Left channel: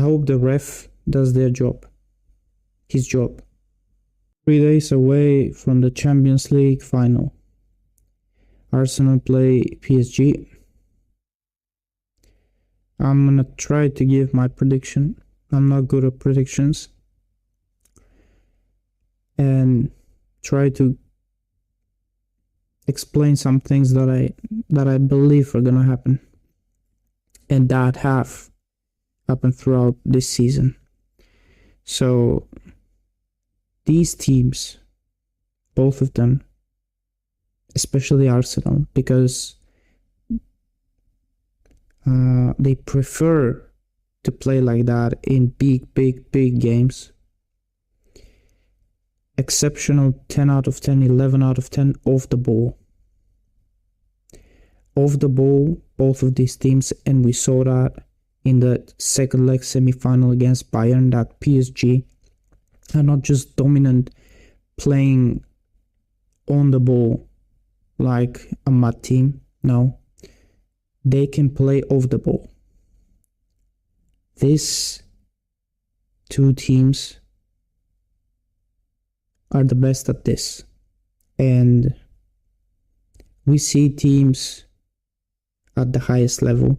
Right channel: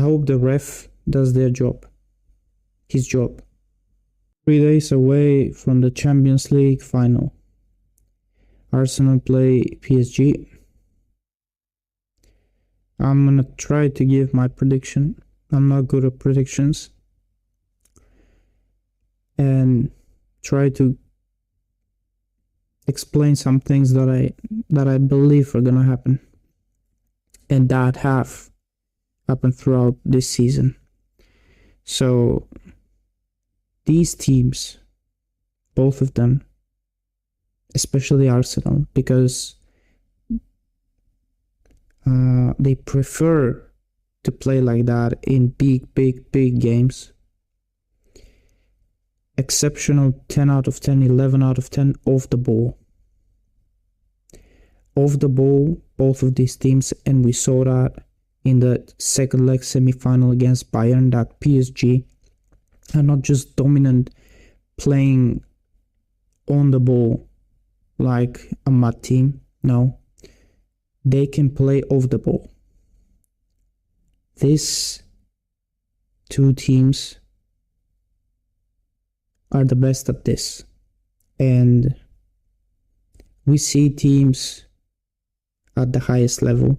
hope the ref does his job. 3 days away from the Champions League final. Arsenal play PSG. I'm gonna try to give my prediction. I'm not good at predictions. And try to explain some things that I believe are gonna happen. And that have happened throughout this season. So these teams, both of them, especially Arsenal, because they prefer to play like that in big games. Exceptional 10 out of 10, 11 out of 10 off the ball. Off the ball, both of these teams, and we saw that in the second leg semi-final against Bayern, that PSG are not just dominant playing on the ball like a mad team. No, they can play off the ball. These two teams are the best at this, and we see teams at the highest level,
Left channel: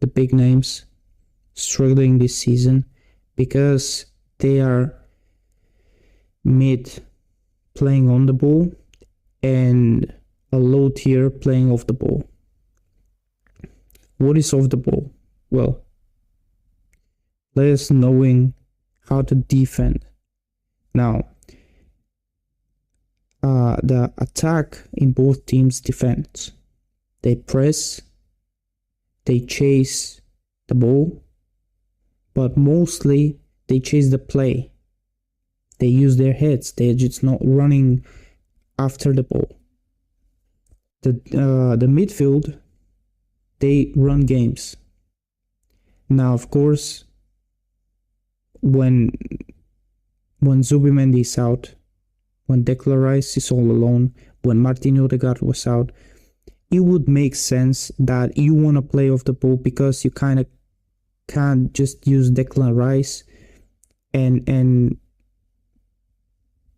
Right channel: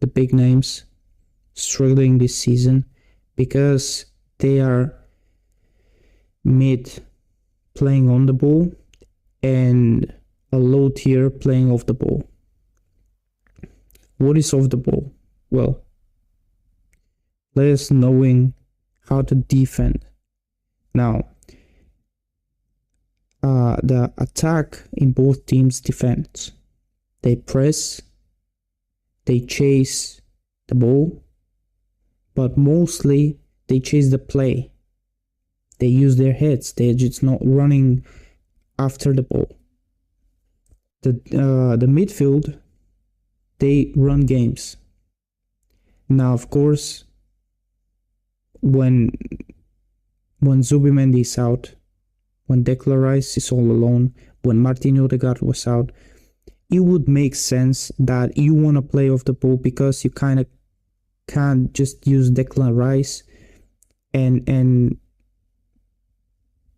the big names, struggling this season because they are mid playing on the ball and a low tier playing off the ball. What is off the ball? Well, players knowing how to defend. Now, the attack in both teams defends. They press, they chase the ball, but mostly they chase the play. They use their heads. They're just not running after the ball. The midfield, they run games. Now, of course, when Zubimendi is out, when Declan Rice is all alone, when Martin Odegaard was out, it would make sense that you want to play off the ball because you kind of can't just use Declan Rice and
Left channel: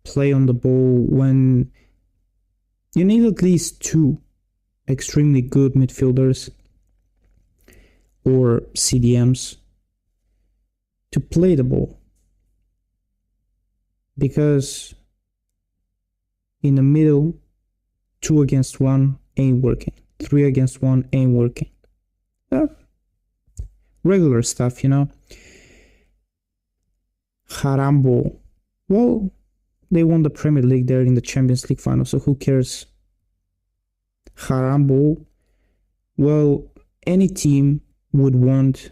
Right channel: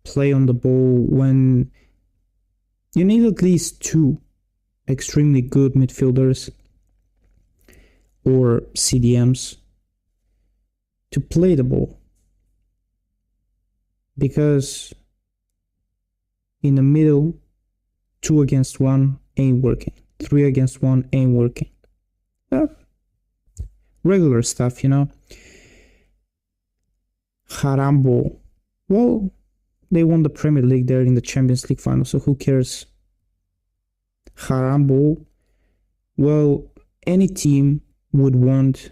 play on the ball when you need at least two extremely good midfielders or CDMs to play the ball, because in the middle 2 against 1 ain't working, 3 against 1 ain't working. Regular stuff, you know. Harambo, well, they won the Premier League, they're in the Champions League final, so who cares? Harambo, well, any team would want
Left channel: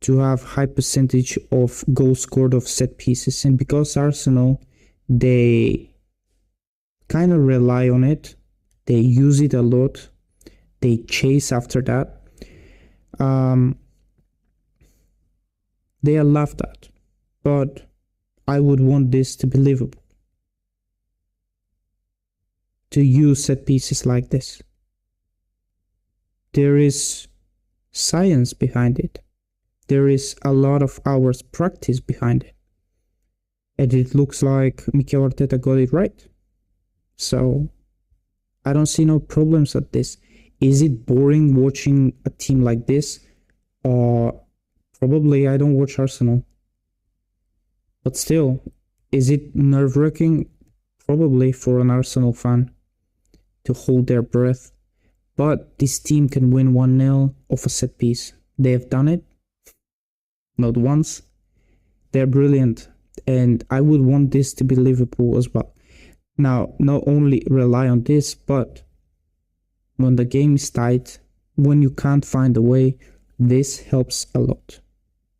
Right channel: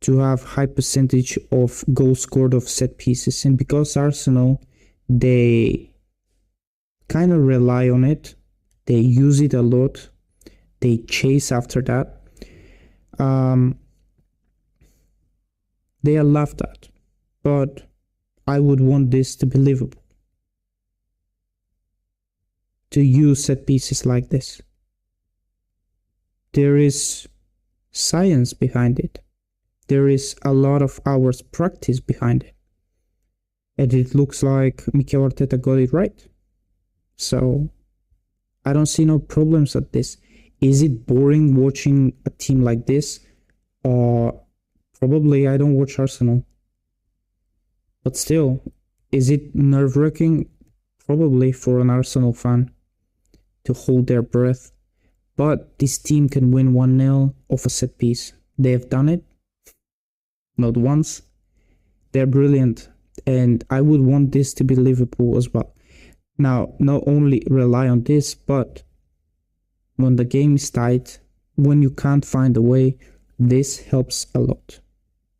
to have high percentage of goals scored off set pieces, and because Arsenal, they kind of rely on it, they use it a lot, they chase after that, they are laughed at. But I would want this to be Liverpool, to use set pieces like this. There is science behind it. There is a lot of hours practice behind it. And it looks like Mikel Arteta got it right. So I don't see no problems at this. Is it boring watching a team like this? Probably. I don't watch Arsenal. But still, is it nerve-wracking? Probably for an Arsenal fan to hold their breath. But this team can win 1-0 off a set piece. They have done it. Not once. They're brilliant. And I would want this to be Liverpool as well. Now, not only rely on this, but when the game is tight, when you can't find a way, this helps a lot.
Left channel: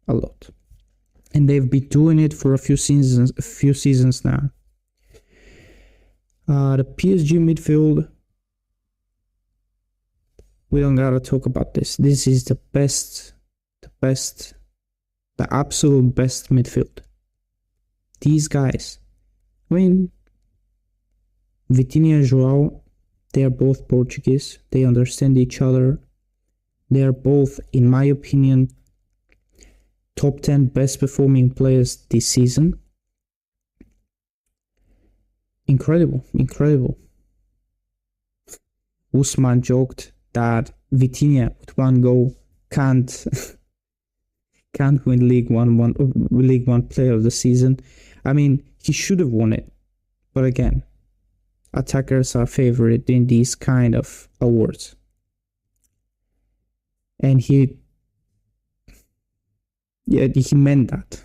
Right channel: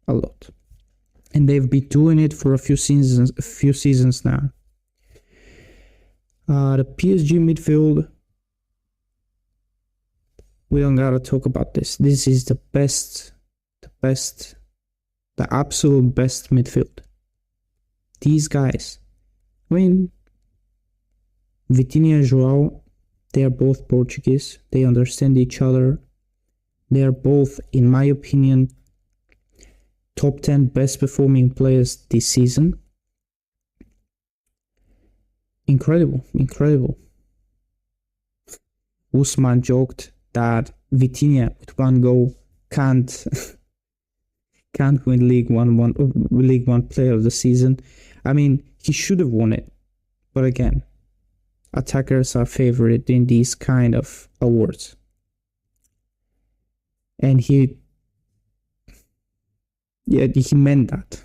A lot. And they've been doing it for a few seasons now. The PSG midfield, we don't gotta talk about this. This is the absolute best midfield. These guys, I mean, Vitinha and João, they are both Portuguese. They understand each other. They are both, in my opinion, top 10 best performing players this season. Incredible, incredible. Usman joked that Vitinha with one goal can't win League One Player of the Season. I mean, he should have won it, but again, attackers are favored in these kind of awards, and he meant that.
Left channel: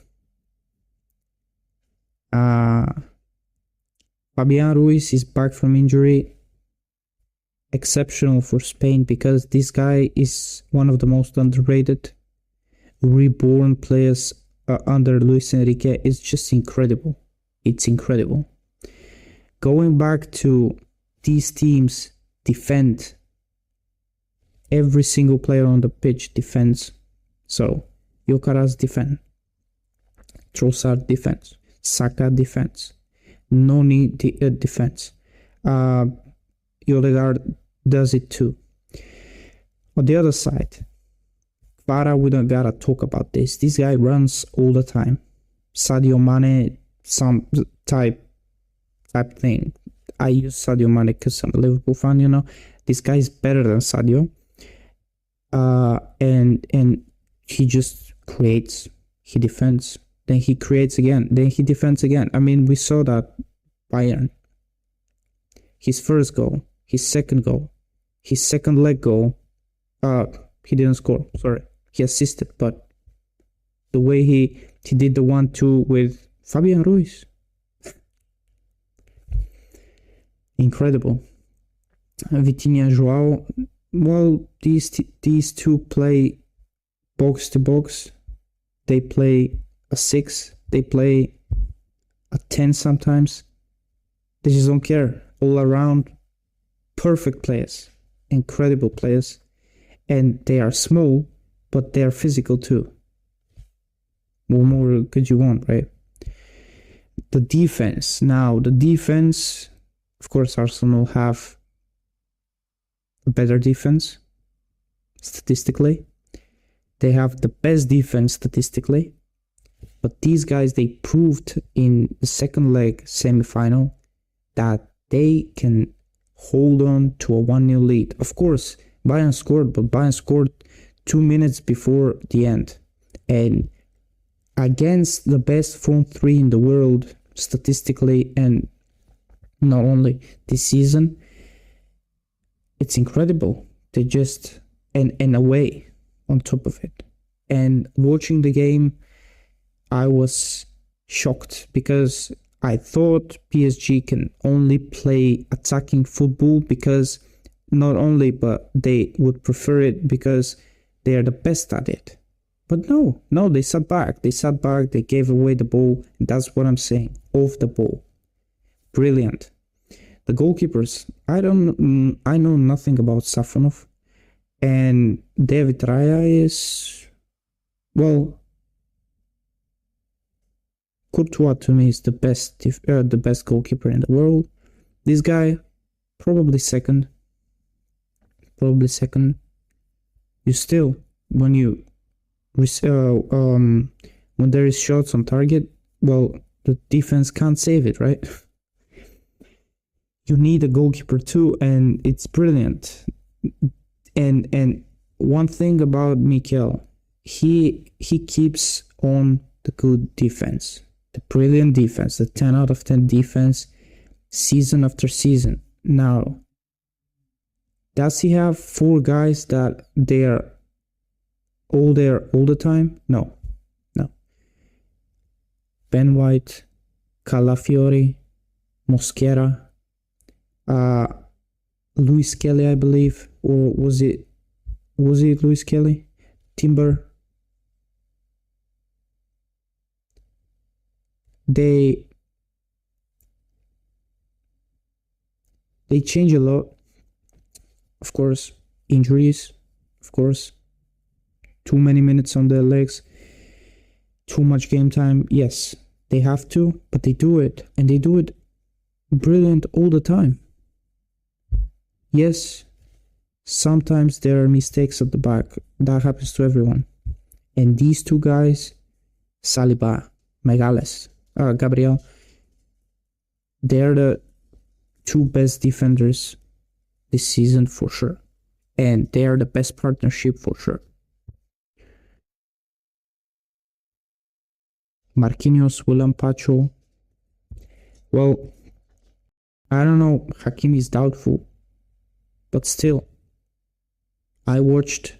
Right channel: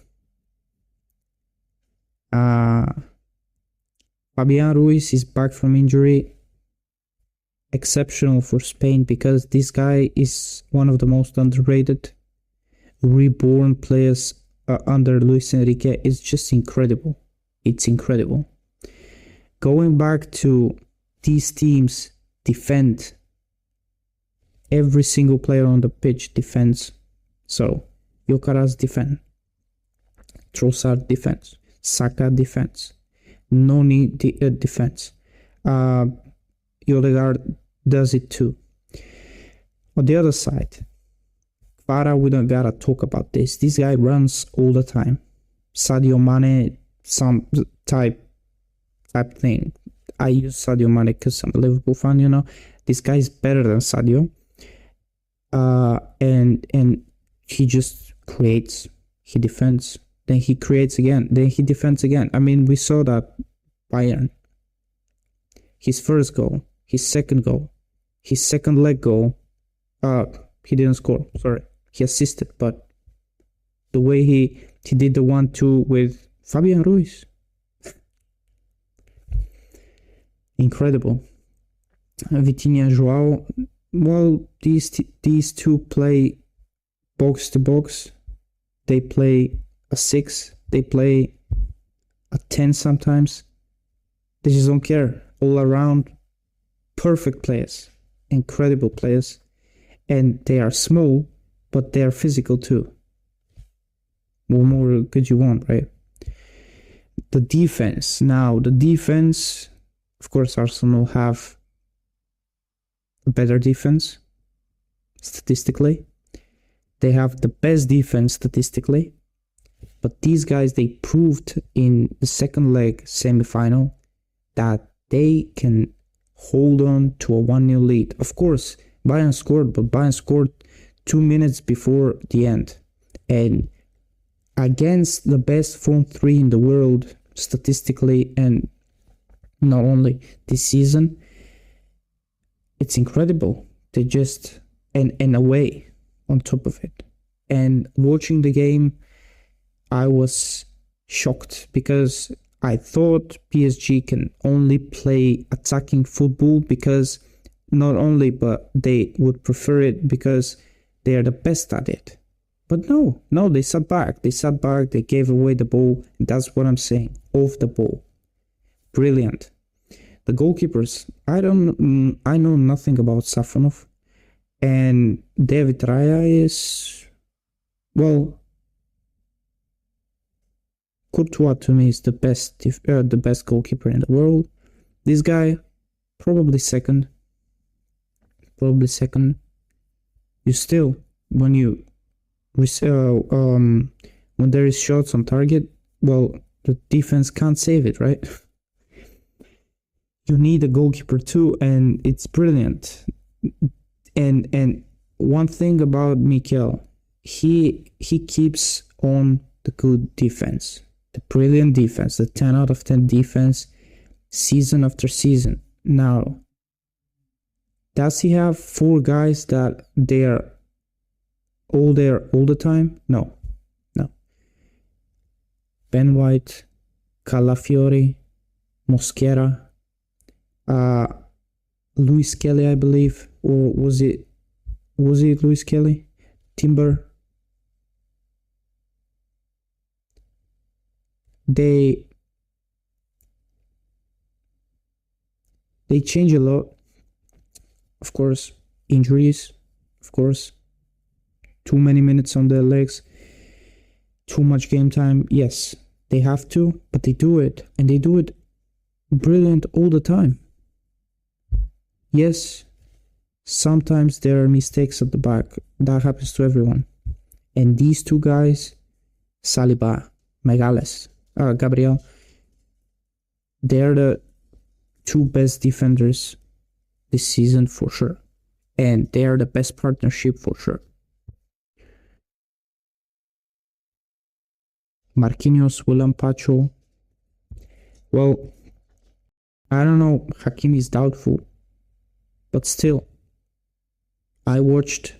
Fabian Ruiz is back from injury. Exceptional for Spain, because this guy is one of the most underrated reborn players under Luis Enrique. Is just incredible. It's incredible. Going back to these teams defend. Every single player on the pitch defends. So Alcaraz defend, Trossard defense, Saka defense, Noni defense. Odegaard does it too. On the other side, Kvara, we don't gotta talk about this. This guy runs all the time. Sadio Mane, some type thing. I use Sadio Mane because I'm a Liverpool fan, you know. This guy is better than Sadio. And he just creates, he defends, then he creates again, then he defends again. I mean, we saw that Bayern. His first goal, his second goal, his second leg goal, he didn't score, sorry. He assisted, but the way he did the 1-2 with Fabian Ruiz. Incredible. Vitinha and Joao, well, these two play box to box. They play a 6, they play a 10 sometimes. They just don't care. All around, perfect players, incredible players, and they are small, but they are physical too. What more could you want, right? The defense. Now, the defense, of course, Arsenal have a better defense statistically. They have the best defense statistically, but these guys, they proved in the second leg semi-final that they can hold on to a 1-0 lead. Of course, Bayern scored, but Bayern scored 2 minutes before the end. And against the best front three in the world, statistically, and not only this season, it's incredible. They just, and in a way, on top of it. And watching the game, I was shocked because I thought PSG can only play attacking football because not only, but they would prefer it because they're the best at it. But no, they sat back. They gave away the ball. That's what I'm saying. Off the ball. Brilliant. The goalkeepers, I know nothing about Safonov. And David Raya is, well, Courtois to me is the best goalkeeper in the world. This guy, probably second. You still, when there is shots on target, well, the defense can't save it, right? You need a goalkeeper too, and it's brilliant. And one thing about Mikel, he keeps on the good defense, the brilliant defense, the 10 out of 10 defense, season after season. Now, does he have 4 guys that they are all there all the time? No. Ben White, Calafiori, Mosquera, Luis Kelly, I believe, or was it Luis Kelly? Timber. They change a lot. Of course, injuries. Of course, too many minutes on their legs. Too much game time. Yes, they have to, but they do it, and they do it brilliant all the time. Yes, sometimes there are mistakes at the back. That happens to everyone. And these two guys, Saliba, Megales, Gabriel. They're the two best defenders this season for sure. And they're the best partnership for sure. Marquinhos, William Pacho. Well, I don't know. Hakimi is doubtful. But still, I watched.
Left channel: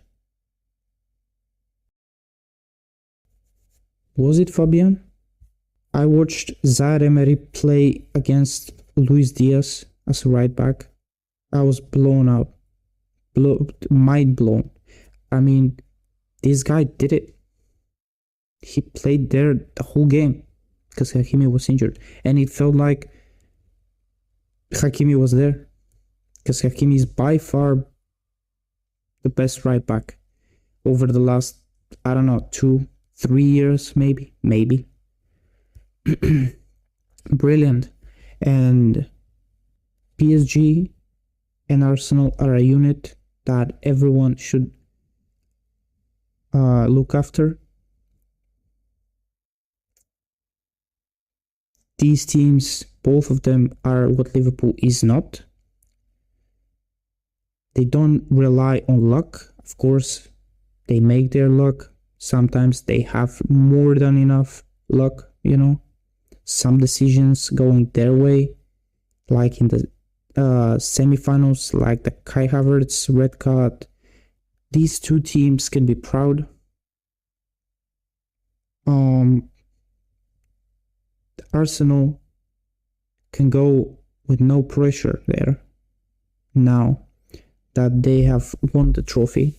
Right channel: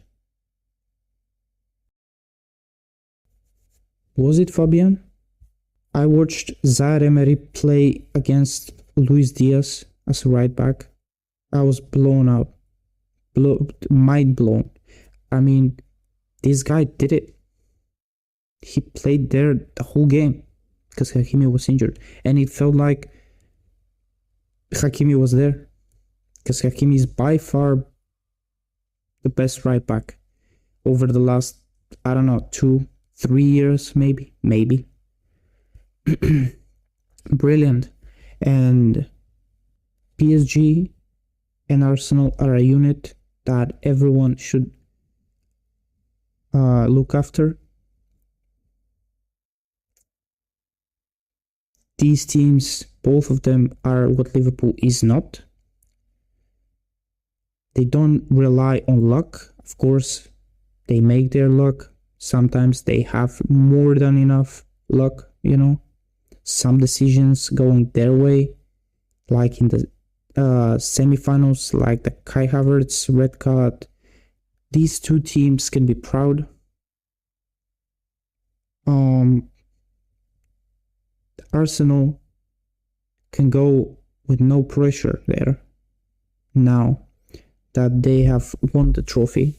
Was it Fabian? I watched Zaire Emery play against Luis Diaz as a right back. I was blown out. Mind blown. I mean, this guy did it. He played there the whole game because Hakimi was injured. And it felt like Hakimi was there because Hakimi is by far the best right back over the last, I don't know, 2-3 years, maybe. Brilliant. And PSG and Arsenal are a unit that everyone should look after. These teams, both of them, are what Liverpool is not. They don't rely on luck. Of course, they make their luck. Sometimes they have more than enough luck, you know. Some decisions going their way, like in the semifinals, like the Kai Havertz red card. These two teams can be proud. Arsenal can go with no pressure there now that they have won the trophy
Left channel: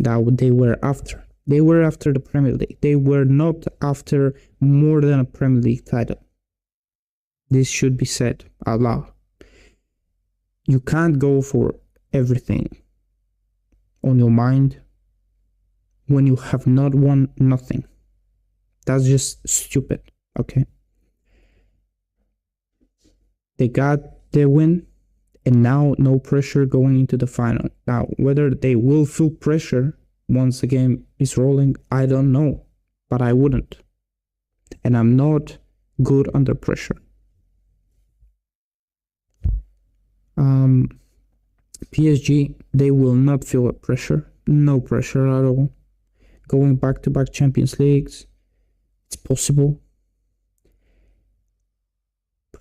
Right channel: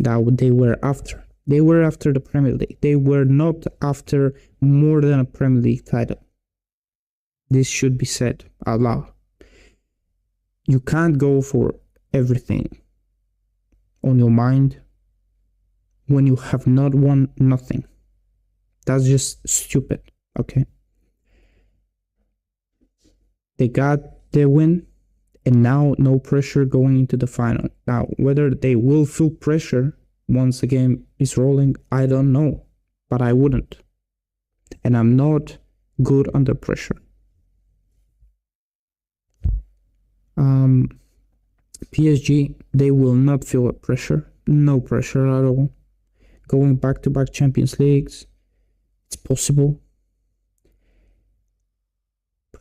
that they were after. They were after the Premier League. They were not after more than a Premier League title. This should be said out loud. You can't go for everything on your mind when you have not won nothing. That's just stupid, okay? They got their win, and now no pressure going into the final. Now, whether they will feel pressure once the game is rolling, I don't know, but I wouldn't. And I'm not good under pressure. PSG, they will not feel pressure. No pressure at all. Going back-to-back Champions Leagues, it's possible.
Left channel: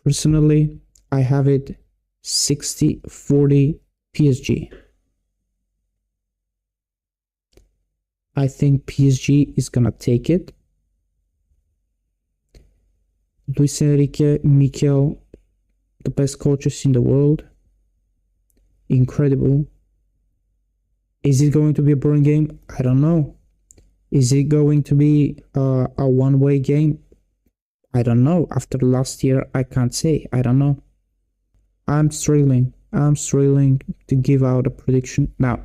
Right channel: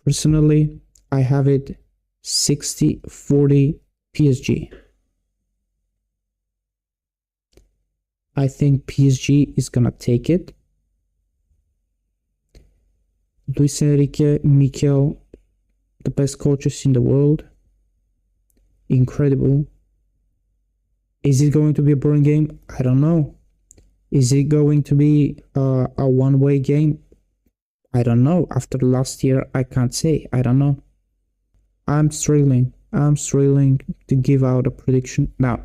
Personally, I have it 60-40 PSG. I think PSG is gonna take it. Luis Enrique, Mikel, the best coaches in the world. Incredible. Is it going to be a boring game? I don't know. Is it going to be a one-way game? I don't know. After last year, I can't say. I don't know. I'm struggling to give out a prediction. Now,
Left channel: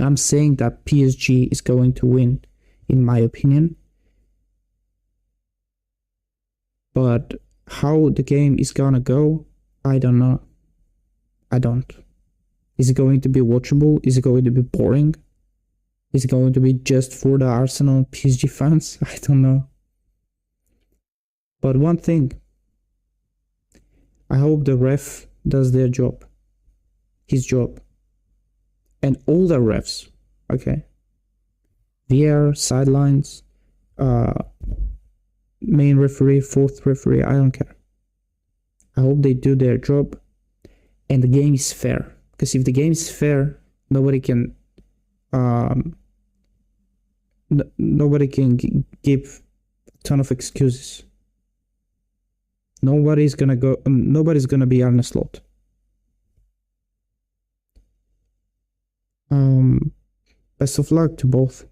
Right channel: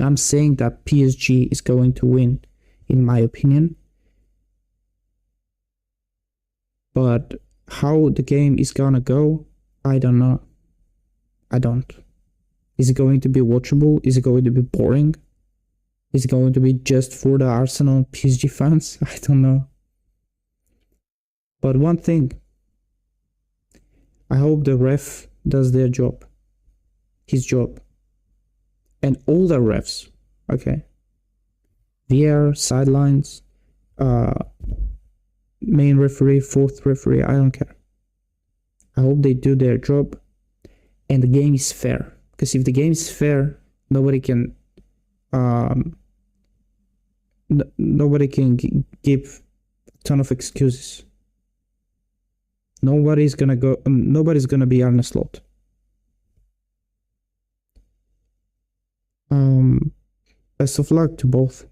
I'm saying that PSG is going to win, in my opinion. But how the game is gonna go, I don't know. I don't. Is it going to be watchable? Is it going to be boring? Is it going to be just for the Arsenal PSG fans? I don't know. But one thing, I hope the ref does their job. His job. And all the refs, okay? VAR, sidelines, main referee, fourth referee, I don't care. I hope they do their job and the game is fair. Because if the game is fair, nobody can give a ton of excuses. Nobody's gonna be Arne Slot. Best of luck to both.